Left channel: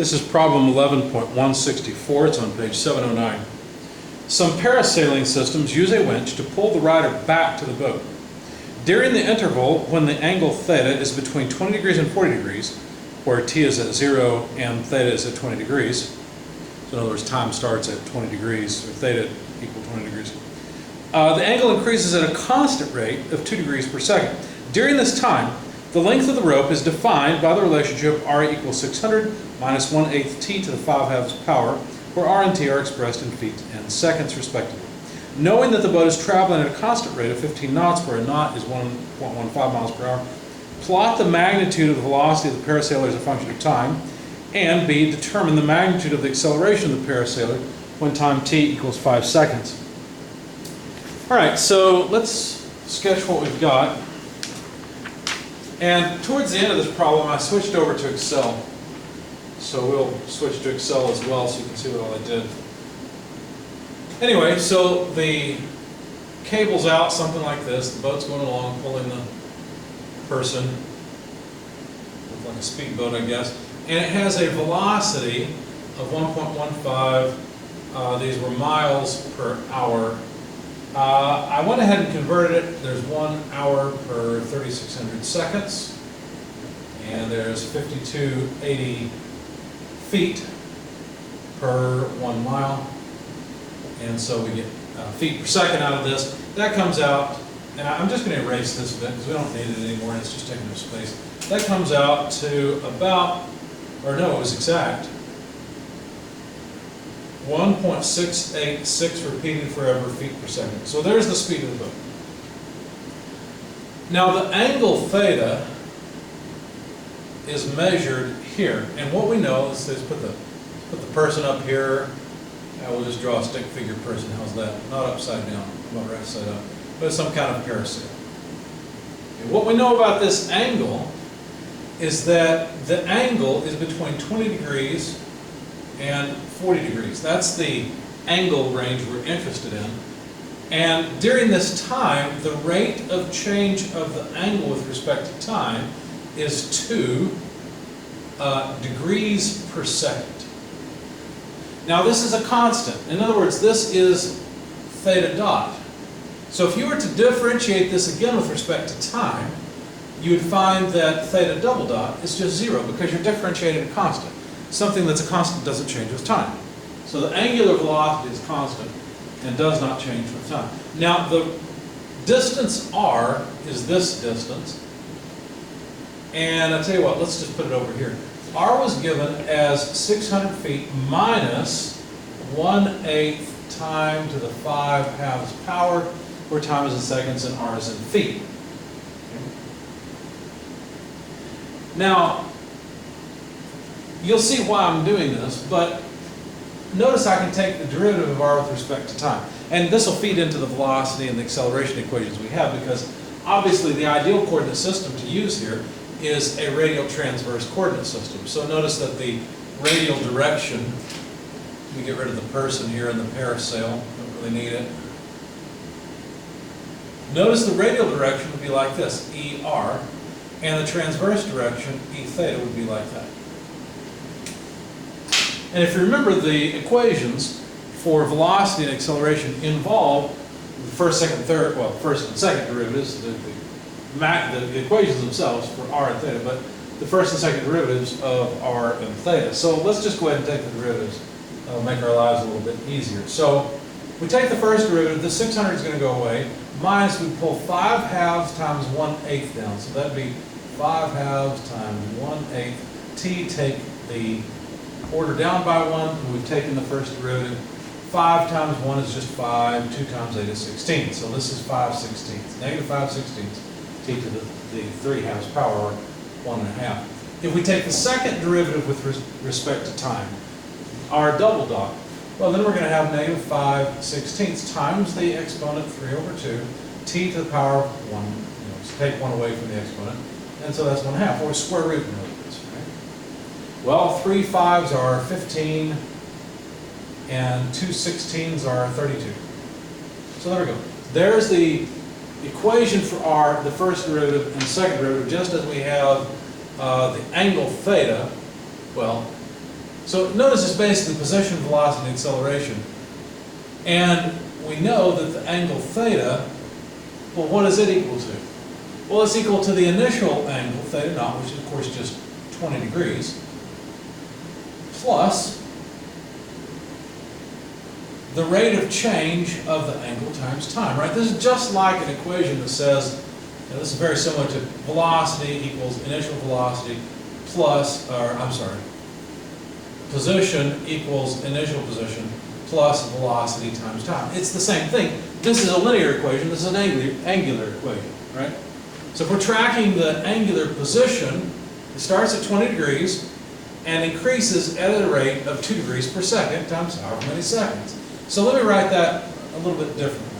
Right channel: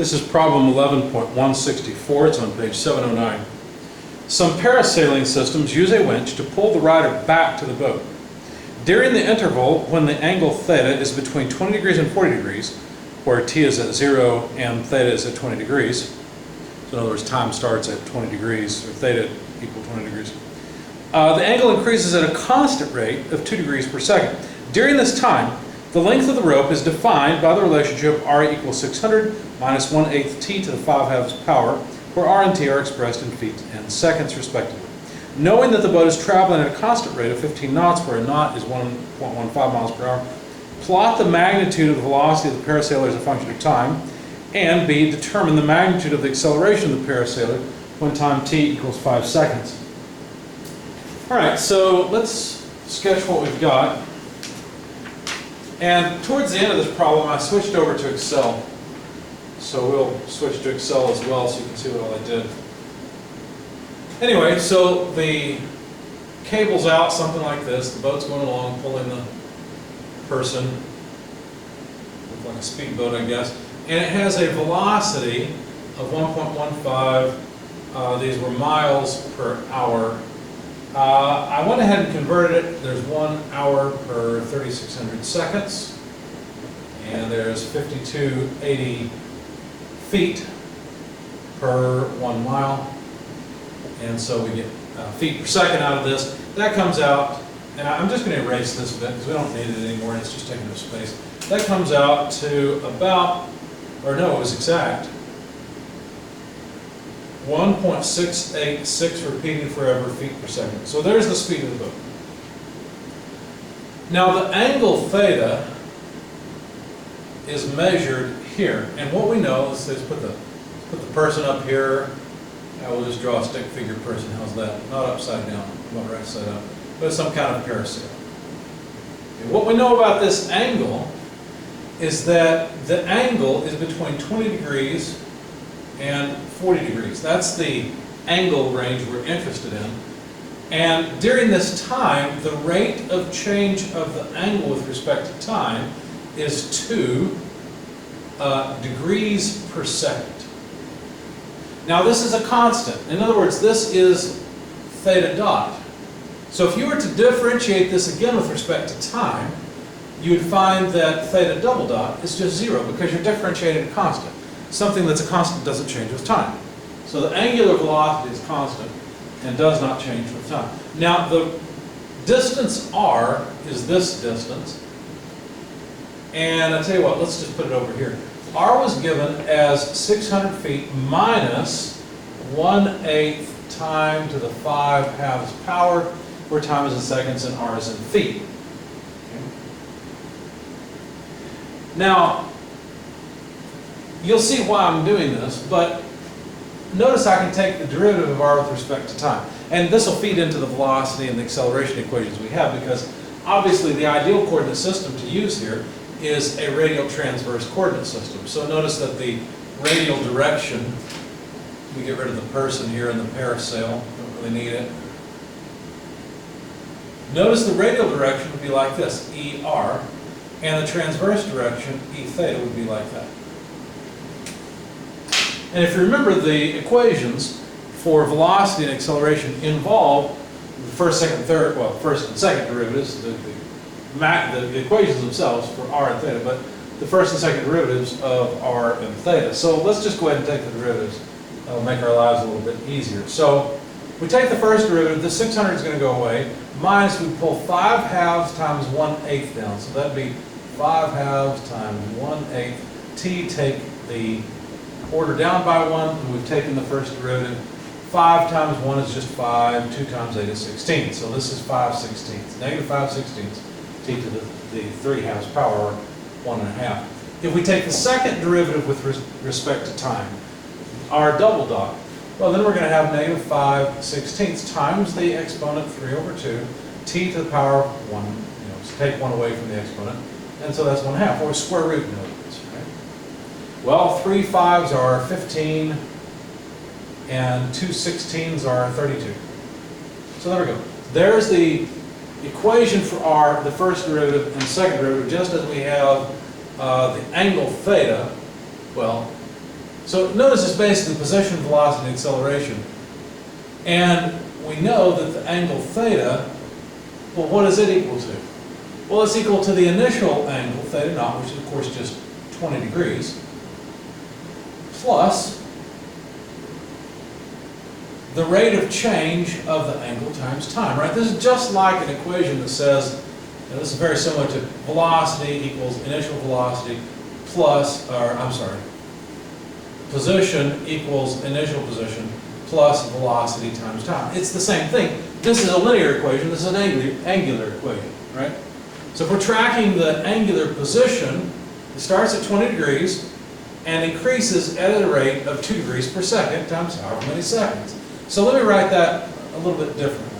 This is problem 11.164. It's on page 709. Some parasailing systems use a winch to pull the rider back to the boat. During the interval when the angle theta is between 20 degrees and 40 degrees, where t is at 0 and theta is at 20 degrees, so in other words, time starts at 20 degrees, or theta equal 20 degrees, the angle increases at a constant rate of 2 degrees per second. During this time, the length of the rope is defined by the relationship r equals 600 minus 1/8 t to the 5/2 power, where r and t are expressed in feet and seconds respectively. Knowing that the boat is traveling at a constant rate of 15 knots, where a knot is 1.15 miles per hour, plot the magnitude of the velocity of the parasailer as a function of time, and B, determine the magnitude of the acceleration of the parasailer when time t equals 5 seconds. All right, so let's sketch what we've got. And towards the end of this problem, I switched over to Excel. So we'll switch to Excel as well so you can see what all I did. Anyway, so the cable's out, something like this. The boat's going along, pulling the person. Looks like a speedboat, I guess. And it has a velocity of 1.15. These were miles per hour. I went ahead and converted it. There's 1 hour per 3,600 seconds. And there's 5280 feet per 1 mile. And so we get feet per second out of this. That comes out, and I'm just going to erase this bit because we don't need it anymore. It's just taking up space. That comes out to about, or no, it was exact, 1.686 repeating forever feet per second. So there's the speed of the boat. Now the angle theta is measured here, and what we know is put the person up here. We'll just draw a stick figure person. How's that? Not upside down, not right side up, but some kind of parasail. And what we know about this angle is that the angle is between 20 degrees and 40 degrees. That's the angle range we're interested in. And during this time, the rate of change of the angle with respect to time is 2 degrees per second. Now this is a constant. In other words, this is theta dot. So if you were to differentiate this again with respect to time, you would find that theta double dot is just 0 because you're differentiating a constant. Something that's a constant doesn't change with time. So the angular velocity is constant and does not change with time. Now the distance r is this distance. And I tell you what, let's just put it over here. R was given as 600 feet minus 1/8 time to the 5/2 power, where time is in seconds and R is in feet. Okay. Now, you'll see why I'm doing this, but notice I can take the derivative of R with respect to time. And this will feed into the velocity and the acceleration equations we have, because obviously the ideal coordinate system to use here is a radial transverse coordinate system. So notice that the radial direction, we get rid of the person here in the parasail, don't really need it. Notice the radial direction would be like this, ER, and the transverse direction, E theta, would be like that. And if you remember, the equations for velocity and acceleration involve the first and second derivatives, the equations themselves for r and theta, but the first and second derivatives of r and theta. So let's just go ahead and take the derivatives. That'll make our lives a little bit easier. So we take the first derivative, the 600 is going to go away, minus we pull 5/2 times 1/8 down. So that'd be 5/2 times 1/8. T, take the order down by 1, and we've taken the first derivative. 5 times 1 is just 5, 2 times 8 is 16. So this is 5/16, negative 5/16. T to the 3/2 power, 1.5. If we take the second derivative with respect to time, r double dot, well then we're going to have negative 5/16 times the exponent 3/2, t to the power of 1. So take 1 away from the exponent, and so that's 1/2, or square root in other words. Right? Well, 3 5s are 15, and 2 16s are 32. So there we go. There's the equation for r, the first derivative and second derivative, just as we have the angle theta. Well, So notice it's basically position, velocity, and acceleration. And we know that the angle theta, well, what is it equal to? Well, it's equal to the initial angle theta naught, which is of course just 20 degrees, plus the rate of change of the angle times time, right? This is just like an equation that says, this is very similar to velocity equals initial velocity plus, or I'm sorry, position equals initial position plus velocity times time. It's the same thing. This is a linear equation, this is an angular equation, right? So if we're tracking the angular position, it starts at 20 degrees and increases at a rate of 2 degrees per second times however many seconds. So let me write that a little bit differently.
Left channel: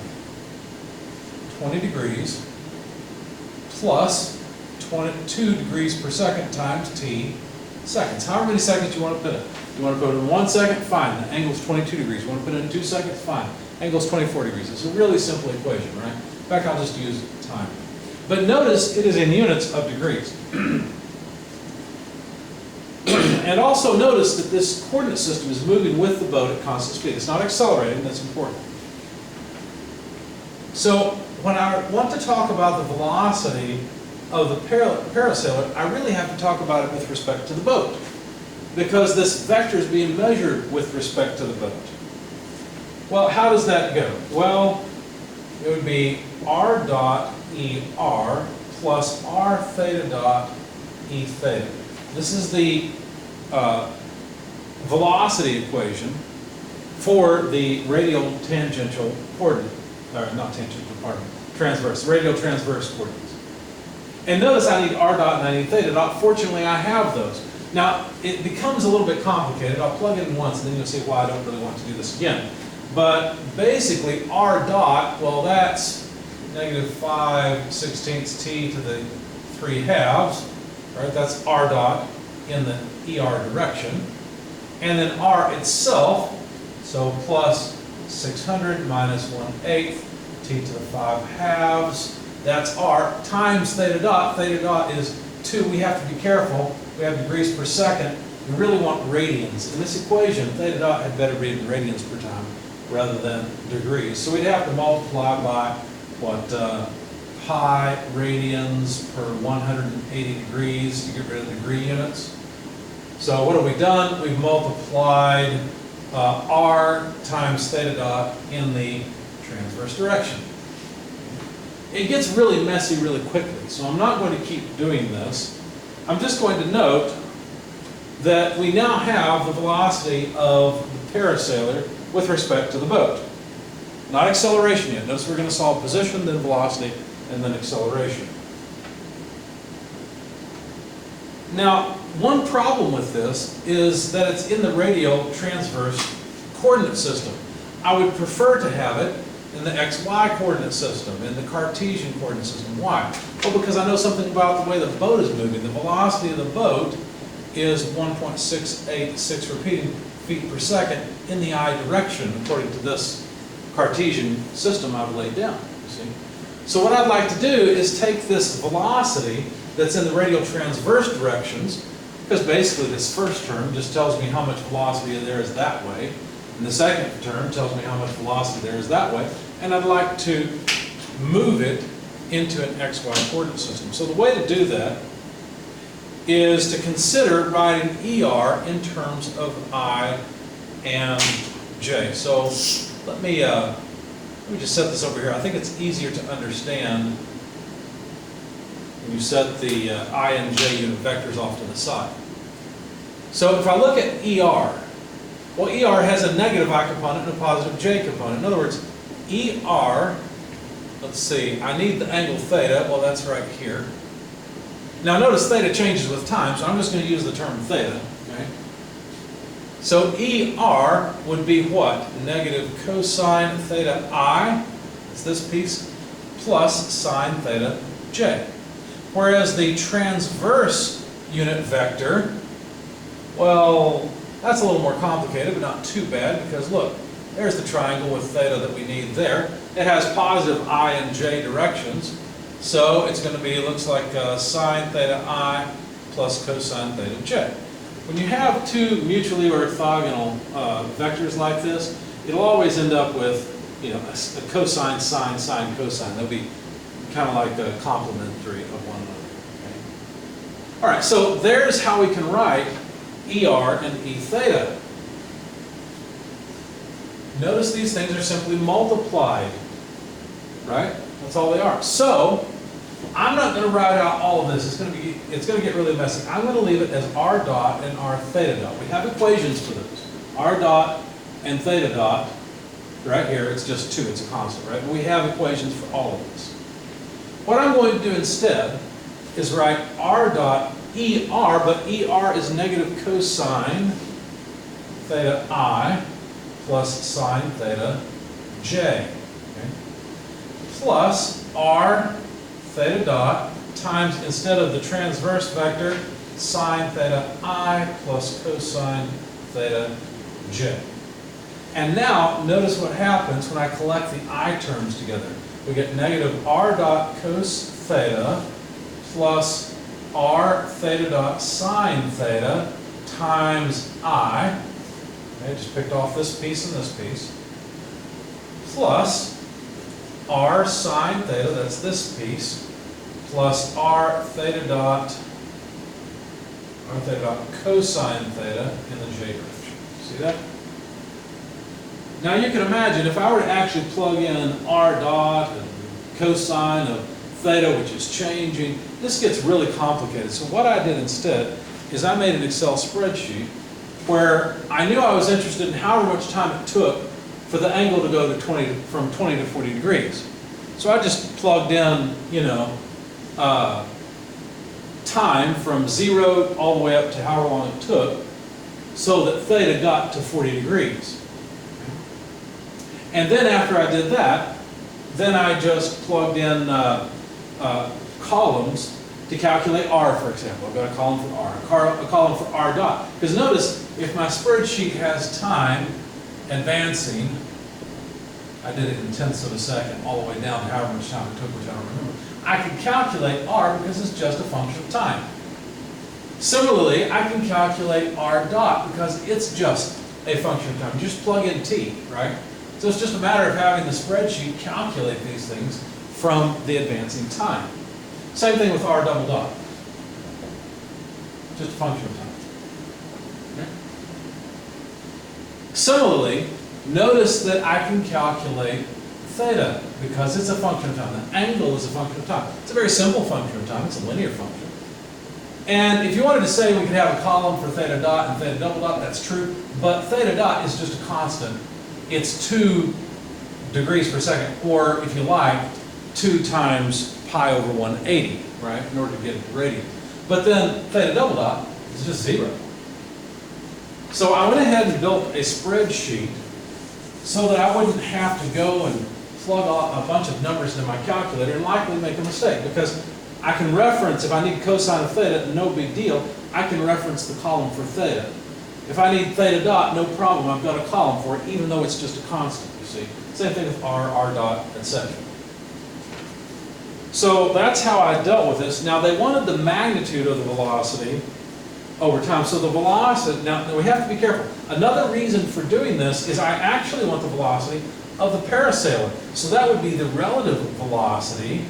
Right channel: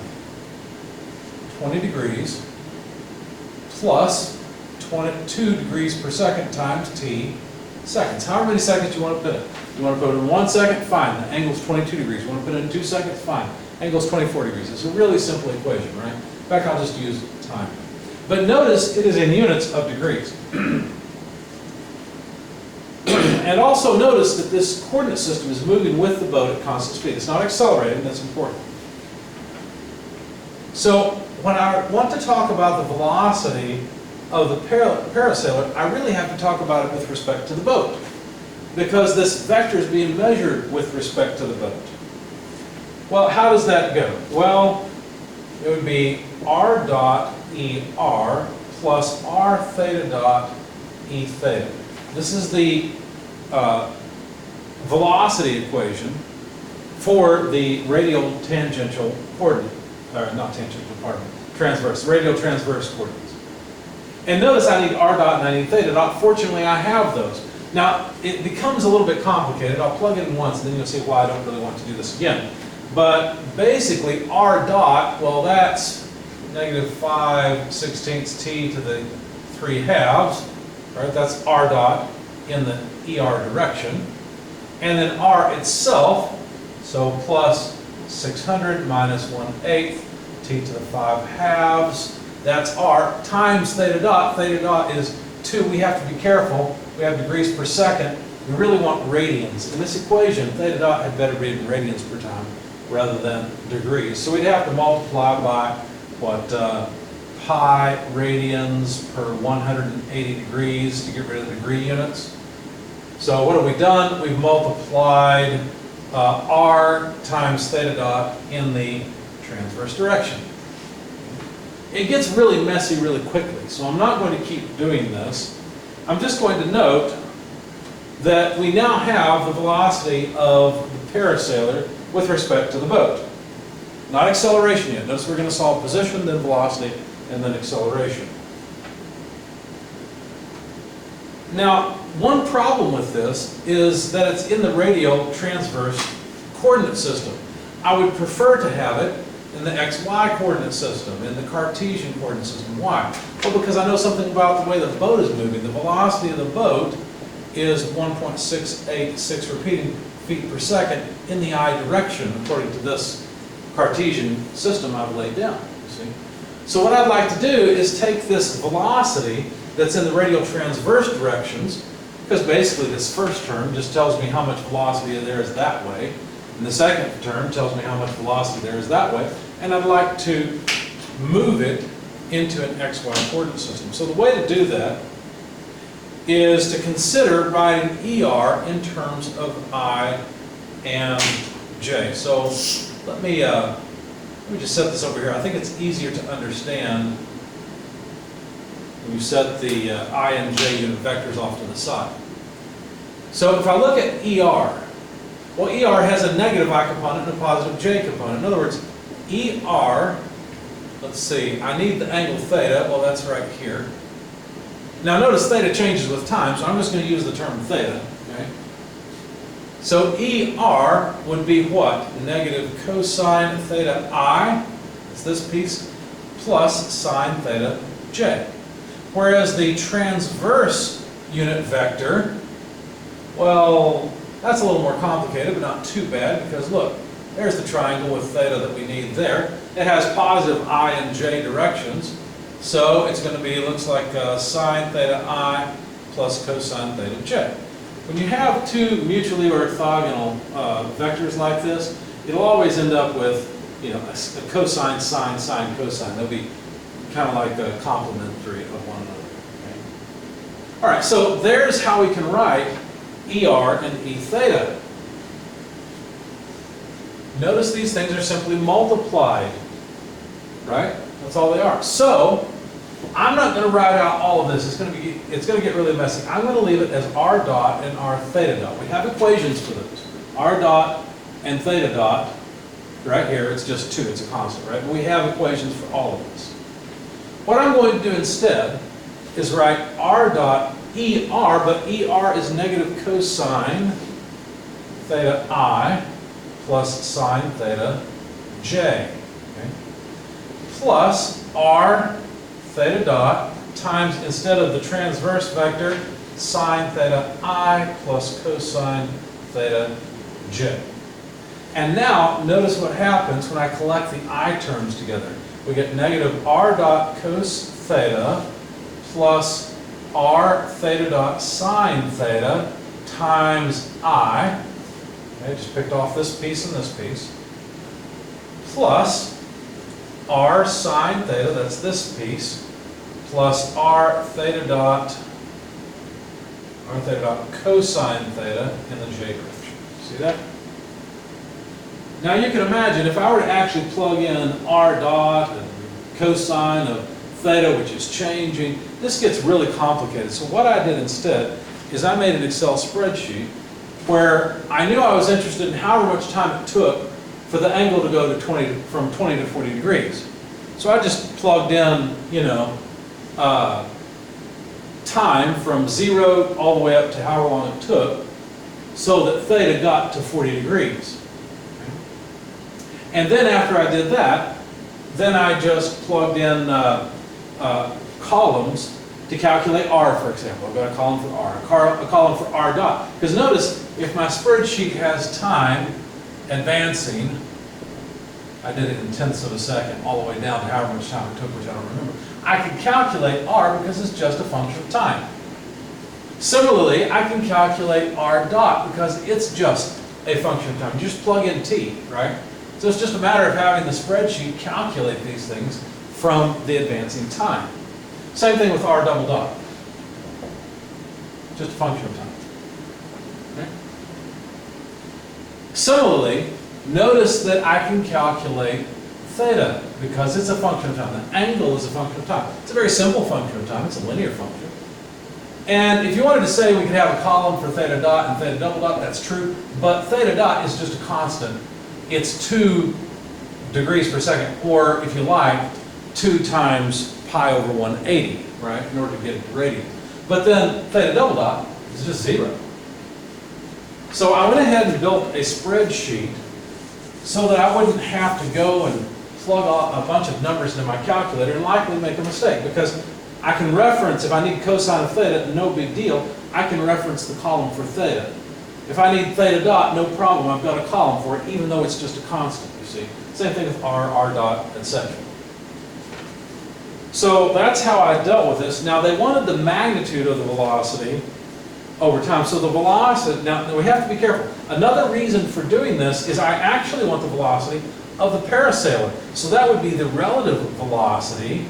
20 degrees plus 22 degrees per second times t seconds. However many seconds you want to put in. You want to put it in 1 second? Fine. The angle's 22 degrees. You want to put it in 2 seconds? Fine. Angle's 24 degrees. It's a really simple equation, right? In fact, I'll just use time. But notice it is in units of degrees. And also notice that this coordinate system is moving with the boat at constant speed. It's not accelerating, that's important. So when I want to talk about the velocity of the parasailer, I really have to talk about it with respect to the boat, because this vector is being measured with respect to the boat. Well, how does that go? Well, it would be r dot ER plus r theta dot E theta. This is the velocity equation for the radial tangential coordinate, or not tangential, pardon me, transverse, radial transverse coordinates. And notice I need r dot and I need theta dot. Fortunately, I have those. Now, it becomes a little bit complicated. I'll plug it in once, and then you'll see why I don't really want to do this again. But basically, r dot, well, that's negative 5/16 t to the 3/2, right? That's r dot in the ER direction. And then r itself, so plus 600 minus 1/8 t to the 5/2, that's r, times theta dot. Theta dot is 2. We have to be careful. We have degrees per second. We really want radians. In this equation, theta dot had better be in radians per time rather than degrees. So we'd have to multiply by, what, pi radians per 180 degrees to get rid of the degree units. So what have we done? We've multiplied r times theta dot in the transverse direction. It gets really messy really quickly, so I'm not going to keep doing this. I'm just going to note that we now have the velocity of the parasailer with respect to the boat. Not acceleration yet. Notice we're going to solve position, then velocity, and then acceleration. Now, one problem with this is that it's in the radial transverse coordinate system. I would prefer to have it in the XY coordinate system, in the Cartesian coordinate system. Why? Well, because I know something about the way the boat is moving. The velocity of the boat is 1.686 repeating feet per second in the I direction, according to this Cartesian system I've laid down. You see? So what I'd like to do is take this velocity that's in the radial transverse directions, because basically this first term just tells me how much velocity there is that way, and the second term tells me how much velocity there is that way, and I'd like to move it into an XY coordinate system. So the way to do that is to consider writing ER in terms of I and J. So let me just set this over here. I think it's easier to understand when you set the I and J unit vectors off to the side. So if I look at ER, well, ER has a negative I component and a positive J component. In other words, ER, let's see, I need the angle theta. Well, that's right here. Now notice theta changes with time, so I'm just going to use the term theta. Okay? So ER would be what? Negative cosine theta I, it's this piece, plus sine theta J. Whereas the transverse unit vector, well, that's a little more complicated, but not too bad, because look, there's the triangle with theta that we need there. It has positive I and J directions, so it's going to be, looks like sine theta I plus cosine theta J. when you have two mutually orthogonal vectors like this, it'll always end up with, you know, a cosine, sine, sine, cosine. They'll be kind of like complementary of one another. Okay? All right, so there's how we can write ER and E theta. Notice these things are simply multiplied, right? That's all they are. So I'm not going to write out all of this. It's going to get really messy. I'm going to leave it as R dot and R theta dot. We have equations for those. R dot and theta dot. Right here, it's just 2. It's a constant, right? But we have equations for all of this. What I'm going to do instead is write R dot ER, but ER is negative cosine theta I plus sine theta j. Okay? Plus R theta dot times, instead of the transverse vector, sine theta I plus cosine theta j. And now, notice what happens when I collect the I terms together. We get negative R dot cos theta plus R theta dot sine theta times I. Okay, just picked off this piece and this piece. Plus R sine theta, that's this piece, plus R theta dot cosine theta in the j direction. See that? Now you can imagine if I were to actually plug in R dot and cosine of theta, which is changing, this gets really complicated. So what I did instead is I made an Excel spreadsheet where I knew I was interested in however much time it took for the angle to go to from 20 to 40 degrees. So I just plugged in, you know, time from 0 all the way up to however long it took so that theta got to 40 degrees. And then after I did that, then I just plugged in columns to calculate R, for example. I've got a column for R, a column for R dot. Because notice, if my spreadsheet has time advancing, I did it in tenths of a second, all the way down to however much time it took, which I don't remember, I can calculate R because it's just a function of time. Similarly, I can calculate R dot because it's just a function of time. You just plug in T, right? So it's just a matter of having the spreadsheet calculate these things from the advancing time. Same thing with R double dot. Just a function of time. Okay? Similarly, notice that I can calculate theta because it's a function of time. The angle is a function of time. It's a very simple function of time. It's a linear function. And if you wanted to say we could have a column for theta dot and theta double dot, that's true. But theta dot is just a constant. It's 2 degrees per second, or if you like, 2 times pi over 180, right, in order to get it to radians. But then theta double dot is just 0. So I went ahead and built a spreadsheet so that I wouldn't have to go and plug a bunch of numbers into my calculator and likely make a mistake, because I can reference, if I need cosine of theta, no big deal, I can reference the column for theta. If I need theta dot, no problem, I've got a column for it, even though it's just a constant, you see. Same thing with R, R dot, etc. So that's how I dealt with this. Now they wanted the magnitude of the velocity over time. So the velocity, now we have to be careful. Another reason for doing this is I actually want the velocity of the parasailer. So that would be the relative velocity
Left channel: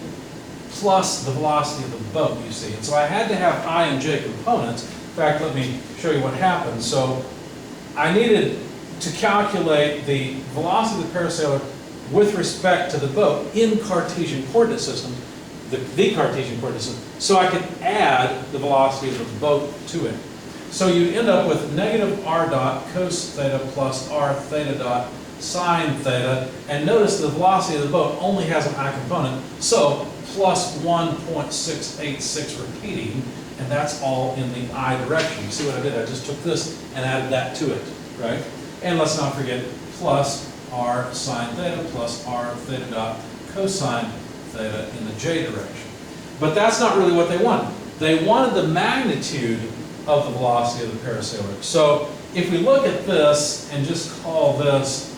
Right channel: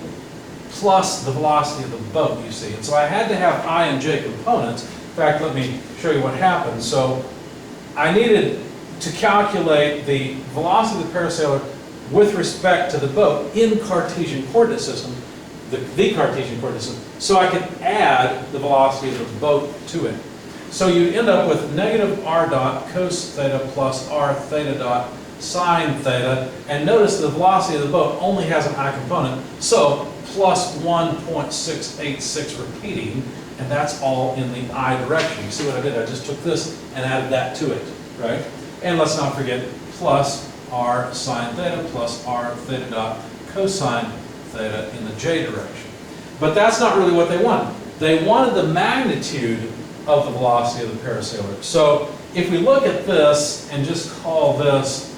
plus the velocity of the boat, you see. And so I had to have I and j components. In fact, let me show you what happened. So I needed to calculate the velocity of the parasailer with respect to the boat in Cartesian coordinate system, the Cartesian coordinate system, so I could add the velocity of the boat to it. So you end up with negative R dot cos theta plus R theta dot sine theta, and notice the velocity of the boat only has an I component, so plus 1.686 repeating, and that's all in the I direction. You see what I did? I just took this and added that to it, right? And let's not forget plus R sine theta plus R theta dot cosine theta in the j direction. But that's not really what they wanted. They wanted the magnitude of the velocity of the parasailer. So if we look at this and just call this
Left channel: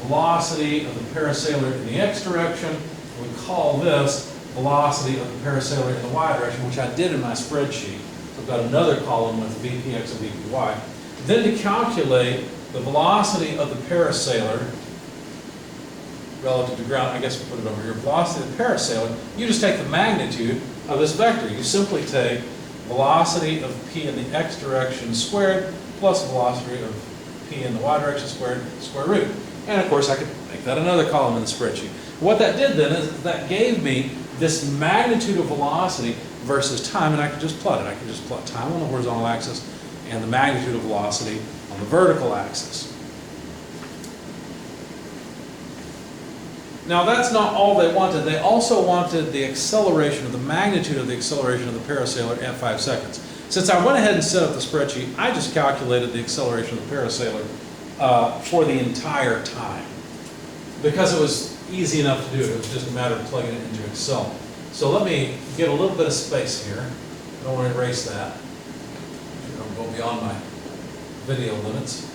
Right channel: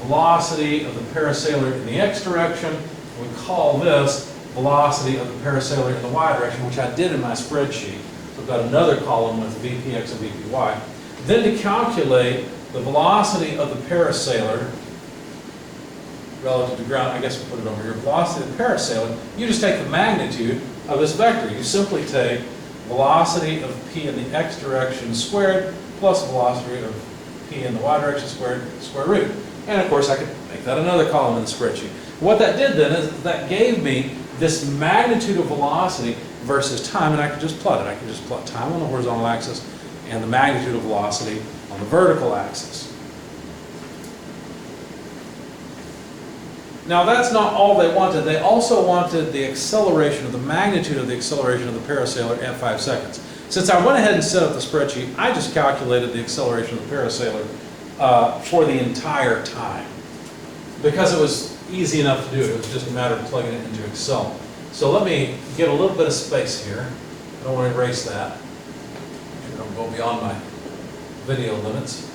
velocity of the parasailer in the x direction, we call this velocity of the parasailer in the y direction, which I did in my spreadsheet. So I've got another column with VPX and VPY. Then to calculate the velocity of the parasailer relative to ground, I guess we'll put it over here, velocity of the parasailer, you just take the magnitude of this vector. You simply take velocity of p in the x direction squared plus velocity of p in the y direction squared, square root. And of course I could make that another column in the spreadsheet. What that did then is that gave me this magnitude of velocity versus time, and I could just plot it. I could just plot time on the horizontal axis and the magnitude of velocity on the vertical axis. Now that's not all they wanted. They also wanted the acceleration, or the magnitude of the acceleration of the parasailer at 5 seconds. Since I went ahead and set up the spreadsheet, I just calculated the acceleration of the parasailer for the entire time. Because it was easy enough to do it. It was just a matter of plugging it into Excel. So let me get a little bit of space here. I don't want to erase that. I don't go beyond my video limits.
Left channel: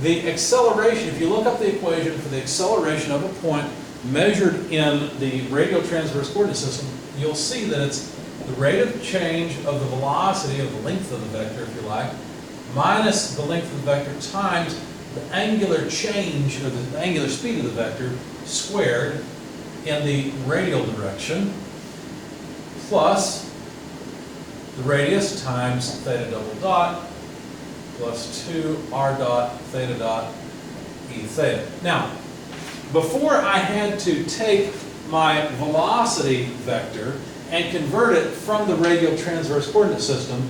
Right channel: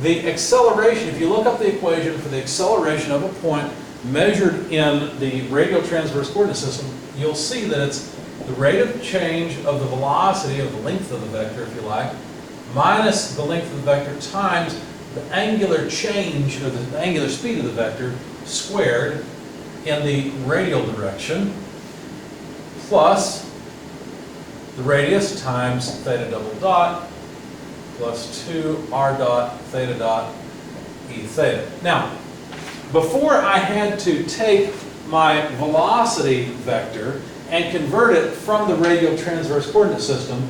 The acceleration, if you look up the equation for the acceleration of a point measured in the radial transverse coordinate system, you'll see that it's the rate of change of the velocity, of the length of the vector, if you like, minus the length of the vector times the angular change, or the angular speed of the vector, squared in the radial direction, plus the radius times theta double dot, plus 2 r dot theta dot e theta. Now, before I had to take my velocity vector and convert it from the radial transverse coordinate system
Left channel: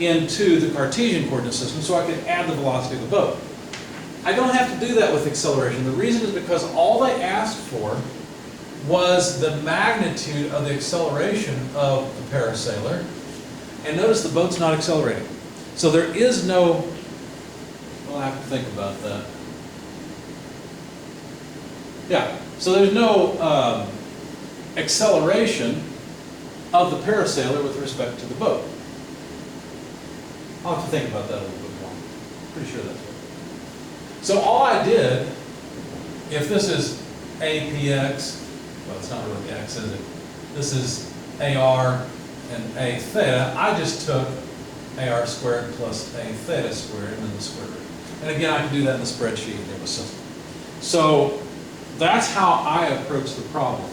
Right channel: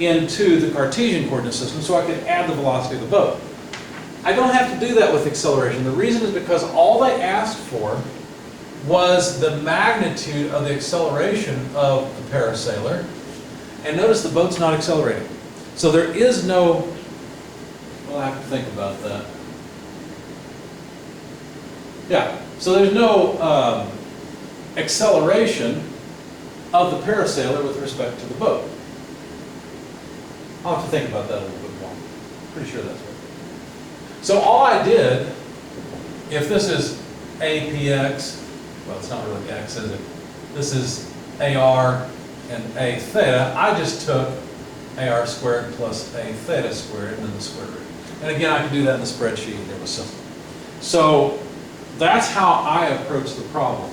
into the Cartesian coordinate system so I could add the velocity of the boat. I don't have to do that with acceleration. The reason is because all they asked for was the magnitude of the acceleration of the parasailer. And notice the boat's not accelerating. So there is no, well, I have to think about that. Yeah, so there's no acceleration of the parasailer with respect to the boat. I'll have to think about that a little bit more. Pretty sure that's right. So all I did, if this is APX, well, it's not really X, is it? This is AR and A theta. I just took AR squared plus A theta squared and then the square root. And again, I could do that in the spreadsheet. It was simple. So that's how I approach the problem.